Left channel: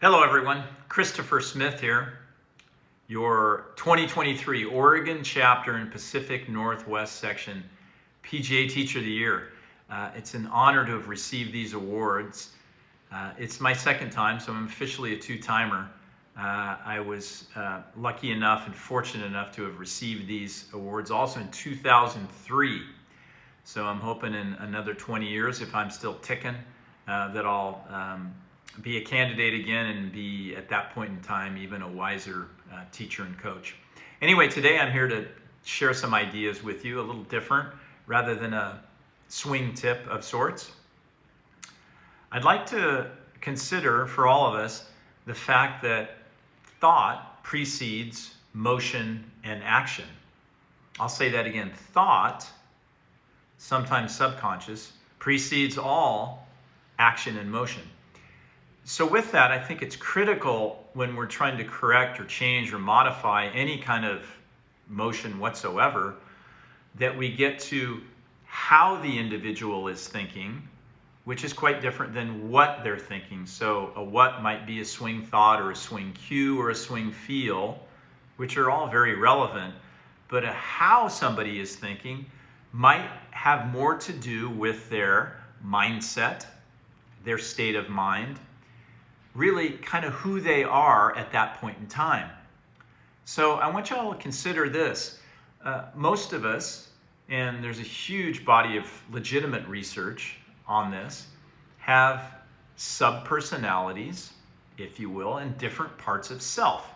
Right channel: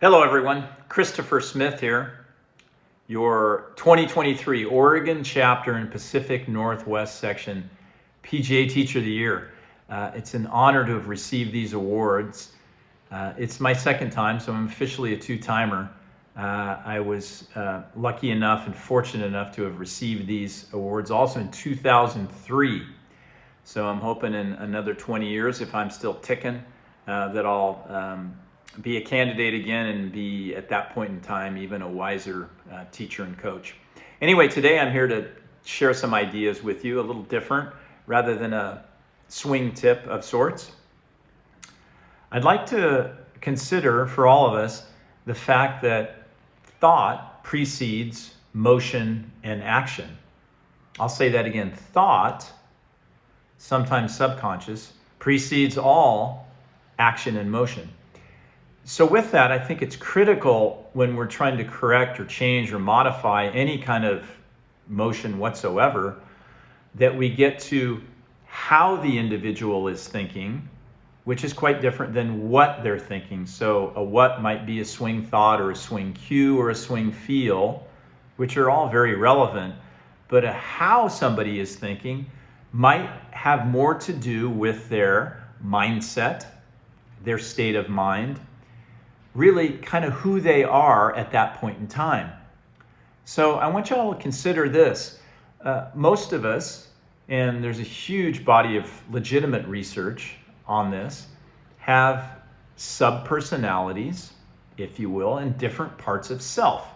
Hello everyone, Christopher Smith here, your 2023 Oregon Chapter and Pacific Northwest Section PGA Teacher of the Year. It's an honor to have received these awards. It's my second time, so I'm officially a two-timer. I was lucky enough and fortunate enough to have received these awards also in 2003. So I'm hoping in another 20 years, if I'm still ticking, that I'll be a candidate again and be, at that point in time, even a wiser teacher and coach. Anyway, today I'm here to share some ideas with you, a little different, rather than a swing tip of sorts. I'd like to consider, for all of us, the fact that thought precedes motion and action. I'll say that again. Thought, sometimes subconscious, precedes all action and motion. So with that, I think it's critical when we're trying to correct or change or modify any kind of motion whatsoever, that we get to how the individual is thinking, which is quite different than what they're thinking. So a what might be a swing thought or a swing cue or a swing feel, which are all very relevant, but a how somebody is thinking might have more to do with their mindset, their state of mind, really kind of who they are at that point in time. So I want you all to consider this. Most of us, and there's a huge body of legitimate research on this, have sub-personalities, if you will, in different parts of self.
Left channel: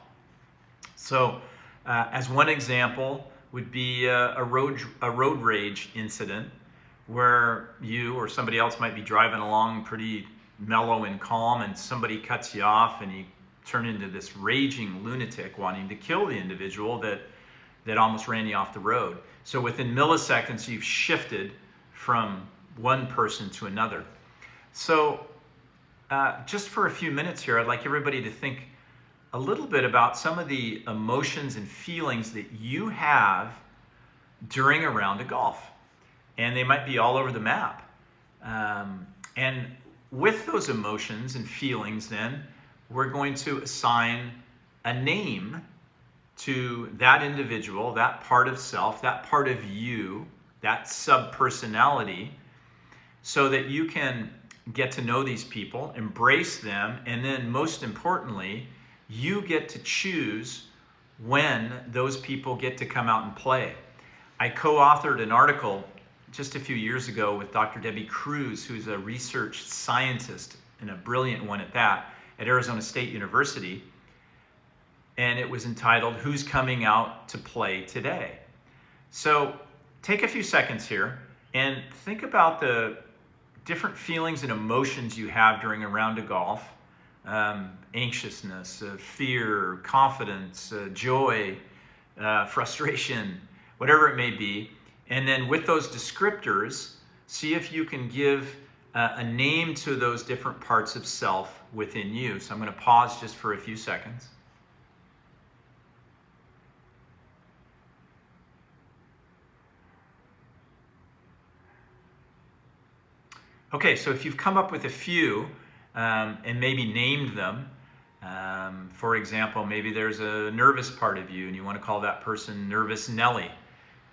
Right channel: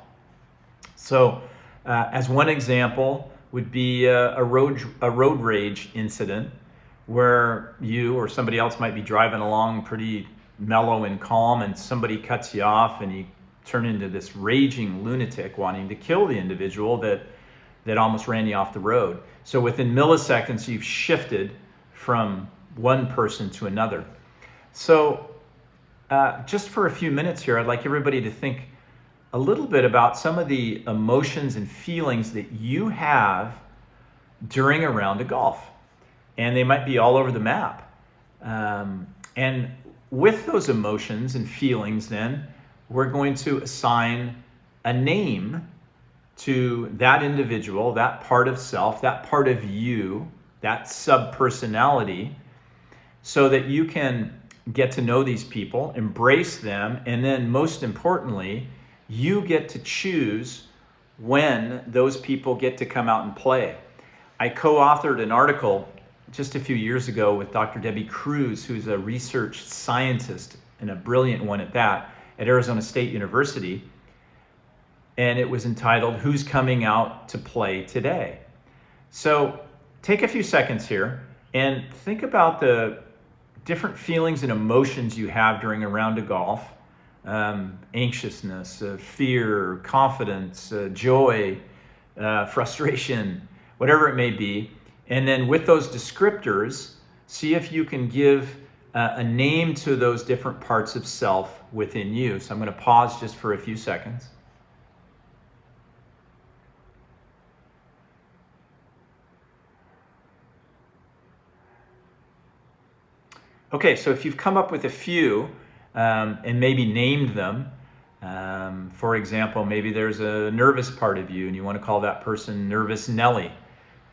So as one example would be a road rage incident where you or somebody else might be driving along pretty mellow and calm, and somebody cuts you off and you turn into this raging lunatic wanting to kill the individual that almost ran you off the road. So within milliseconds, you've shifted from one person to another. So just for a few minutes here, I'd like everybody to think a little bit about some of the emotions and feelings that you have during a round of golf. And they might be all over the map. And with those emotions and feelings, then, we're going to assign a name to that individual, that part of self, that part of you, that sub-personality, so that you can get to know these people, embrace them, and then most importantly, you get to choose when those people get to come out and play. I co-authored an article just a few years ago with Dr. Debbie Cruz, who's a research scientist and a brilliant one at that, at Arizona State University. And it was entitled, Who's Coming Out to Play Today? So take a few seconds here and think about the different feelings and emotions you have during a round of golf. Anxiousness, fear, confidence, joy, frustration, whatever it may be. And then with those descriptors, see if you can give a name to those different parts of self within you. So I'm going to pause just for a few seconds. Okay, so if you've come up with a few and maybe named them, for example, maybe there's a nervous part of you and you want to call that person Nervous Nelly.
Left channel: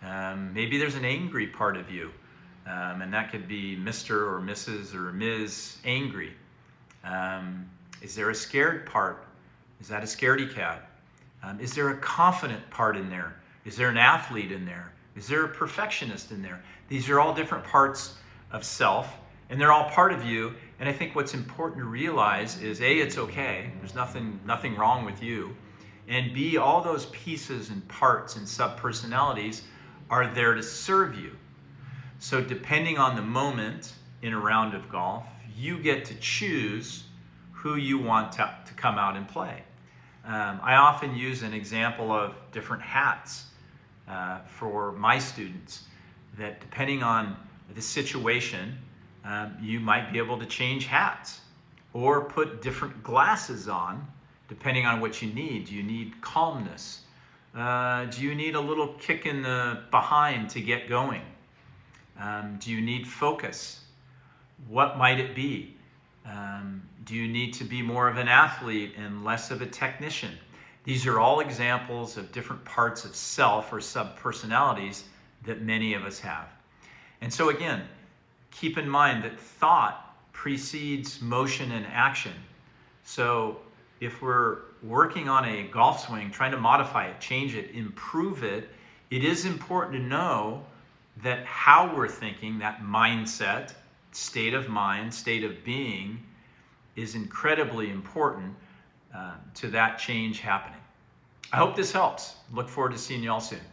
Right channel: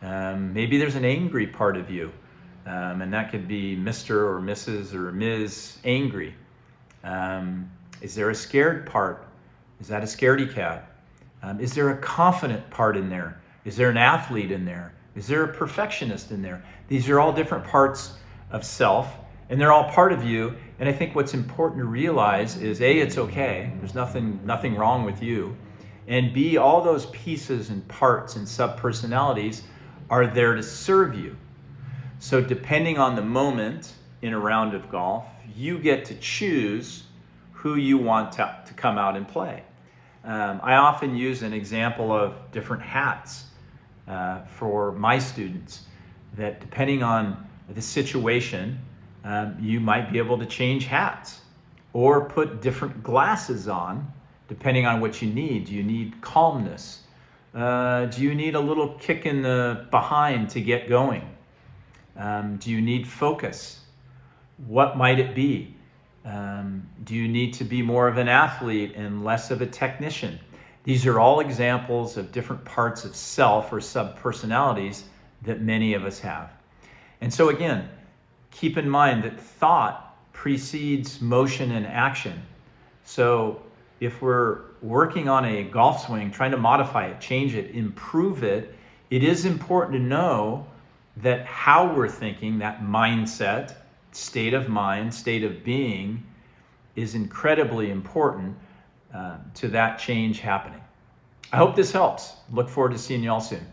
Maybe there's an angry part of you, and that could be Mr. or Mrs. or Ms. Angry. Is there a scared part? Is that a scaredy cat? Is there a confident part in there? Is there an athlete in there? Is there a perfectionist in there? These are all different parts of self, and they're all part of you. And I think what's important to realize is A, it's okay. There's nothing wrong with you. And B, all those pieces and parts and sub-personalities are there to serve you. So depending on the moment in a round of golf, you get to choose who you want to come out and play. I often use an example of different hats for my students, that depending on the situation, you might be able to change hats or put different glasses on depending on what you need. Do you need calmness? Do you need a little kick in the behind to get going? Do you need focus? What might it be? Do you need to be more of an athlete and less of a technician? These are all examples of different parts of self or sub-personalities that many of us have. And so again, keep in mind that thought precedes motion and action. So if we're working on a golf swing, trying to modify it, change it, improve it, it is important to know that how we're thinking, that mindset, state of mind, state of being, is incredibly important to that change happening. I hope this helps. Look forward to seeing you all soon.